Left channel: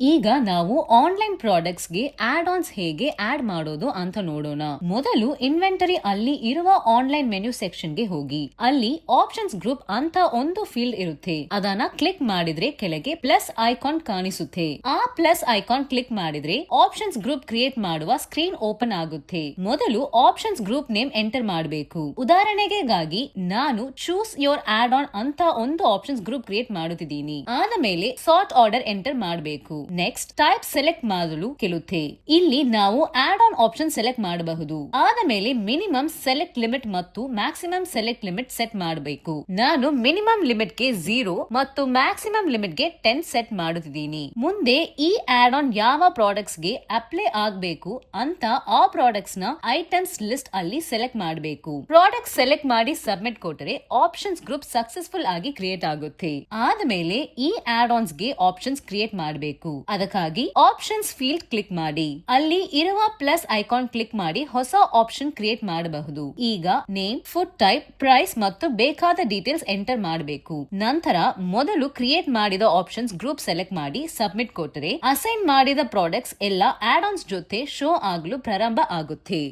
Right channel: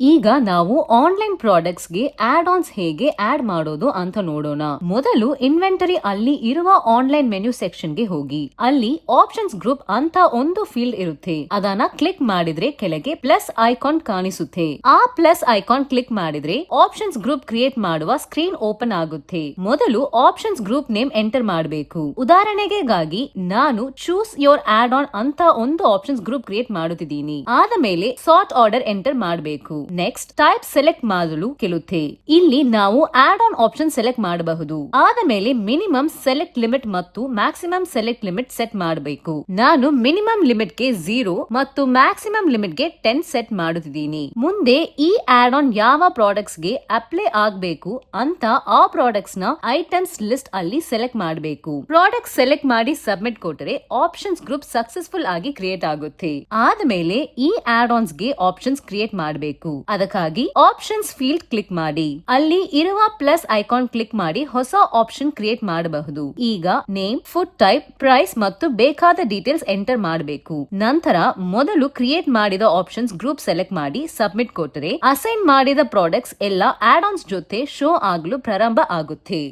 ಈಗ ನಾವು online products ಗೆ ಆಡ್ ಆನ್ಸ್ ಹೇಗೆ ಆಡ್ ಮಾಡೋದು ಅಂತ ನೋಡೋಣ. ಮೊದಲು ಇನ್ವೆಂಟರಿ ಅಲ್ಲಿ ಇರುವ ಆನ್ಲೈನ್ ಮೆನ್ಯೂ ಸೆಕ್ಷನ್ ಗೆ ಹೋಗಿ. ಅಲ್ಲಿ ಆಪ್ಷನ್ಸ್ ಗ್ರೂಪ್ ಅಂತ ಒಂದು ಫೀಲ್ಡ್ ಇರುತ್ತೆ. ಅದನ್ನ ಕ್ಲಿಕ್ ಮಾಡಿದ್ರೆ ಕೆಳಗೆ ಪ್ಲಸ್ ಐಕಾನ್ ಕಾಣಿಸುತ್ತೆ. ಆ ಪ್ಲಸ್ ಐಕಾನ್ ಕ್ಲಿಕ್ ಮಾಡಿದ್ರೆ ಆಪ್ಷನ್ಸ್ ಗ್ರೂಪ್ ಕ್ರಿಯೇಟ್ ಮಾಡುವ ಸ್ಕ್ರೀನ್ ಓಪನ್ ಆಗುತ್ತೆ. ಮೊದಲು ಆಪ್ಷನ್ಸ್ ಗ್ರೂಪ್ ನೇಮ್ ಎಂಟರ್ ಮಾಡಬೇಕು. ಉದಾಹರಣೆಗಾಗಿ ನಾನು ಚೂಸ್ ಯೋರ್ ಆಡ್ ಆನ್ ಅಂತ ಒಂದು ಆಪ್ಷನ್ಸ್ ಗ್ರೂಪ್ ಕ್ರಿಯೇಟ್ ಮಾಡುತ್ತಿದ್ದೀನಿ. ಆದ ಮೇಲೆ ಸಾರ್ಟ್ ಆರ್ಡರ್ ಎಂಟರ್ ಮಾಡಬೇಕು. ನೆಕ್ಸ್ಟ್ ಟೈಪ್ ಸೆಲೆಕ್ಟ್ ಮಾಡಲು ಕೇಳುತ್ತೆ. ಇಲ್ಲಿ ನಾವು ಆಡ್ ಆನ್ ಆಪ್ಷನ್ ಸೆಲೆಕ್ಟ್ ಮಾಡಬಹುದು. ಆದ ಮೇಲೆ ಮಿನಿಮಮ್ ಸೆಲೆಕ್ಟ್ ಲಿಮಿಟ್ ಮತ್ತು ಮ್ಯಾಕ್ಸಿಮಮ್ ಸೆಲೆಕ್ಟ್ ಲಿಮಿಟ್ ಸೆಟ್ ಮಾಡಬೇಕು. ನಾನು ಮಿನಿಮಮ್ ಲಿಮಿಟ್ ಗೆ 0 ಮತ್ತು ಮ್ಯಾಕ್ಸಿಮಮ್ ಲಿಮಿಟ್ ಗೆ 10 ಸೆಟ್ ಮಾಡುತ್ತಿದ್ದೀನಿ. ಮುಂದೆ ಈ ಆಡ್ ಆನ್ ಯಾವ ಪ್ರಾಡಕ್ಟ್ಸ್ ಗೆ ಅಪ್ಲೈ ಆಗಬೇಕು ಅಂತ ಆ ಪ್ರಾಡಕ್ಟ್ಸ್ ನ ಐಟಮ್ಸ್ ಲಿಸ್ಟ್ ಅಲ್ಲಿ ಸೆಲೆಕ್ಟ್ ಮಾಡಬೇಕು. ಪ್ರಾಡಕ್ಟ್ ಸೆಲೆಕ್ಟ್ ಮಾಡಿ ಸಬ್ಮಿಟ್ ಕೊಟ್ಟರೆ ಆಪ್ಷನ್ಸ್ ಗ್ರೂಪ್ ಸಕ್ಸಸ್ಫುಲ್ ಆಗಿ ಕ್ರಿಯೇಟ್ ಆಗುತ್ತೆ. ಆದ್ಮೇಲೆ ಈ ಆಡ್ ಆನ್ಸ್ ಗೆ ಆಪ್ಷನ್ಸ್ ಕ್ರಿಯೇಟ್ ಮಾಡಬೇಕು. ಅದಕ್ಕಾಗಿ ಆಪ್ಷನ್ಸ್ ಫೀಲ್ಡ್ ಕ್ಲಿಕ್ ಮಾಡಿ. ಅಲ್ಲಿ ಇರುವ ಪ್ಲಸ್ ಐಕಾನ್ ಕ್ಲಿಕ್ ಮಾಡಿ ಹೊಸ ಆಪ್ಷನ್ ಕ್ರಿಯೇಟ್ ಮಾಡಬಹುದು. ಈಗ ನೇಮ್, ಫುಡ್ ಟೈಪ್, ಪ್ರೈಸ್ ಮತ್ತು ಬೇಕಾದ ಡೀಟೇಲ್ಸ್ ಎಂಟರ್ ಮಾಡಬೇಕು. ನಂತರ ಮೊದಲು ಕ್ರಿಯೇಟ್ ಮಾಡಿದ ಆಪ್ಷನ್ಸ್ ಗ್ರೂಪ್ ಸೆಲೆಕ್ಟ್ ಮಾಡಿ ಸಬ್ಮಿಟ್ ಕೊಟ್ಟರೆ ಅಸೈನ್ ಮಾಡಿದ ಪ್ರಾಡಕ್ಟ್ಸ್ ಎಲ್ಲ ಆಡ್ ಆನ್ಸ್ ಜೊತೆ ಶೋ ಆಗಲು ಪ್ರಾರಂಭ ಆಗುತ್ತೆ.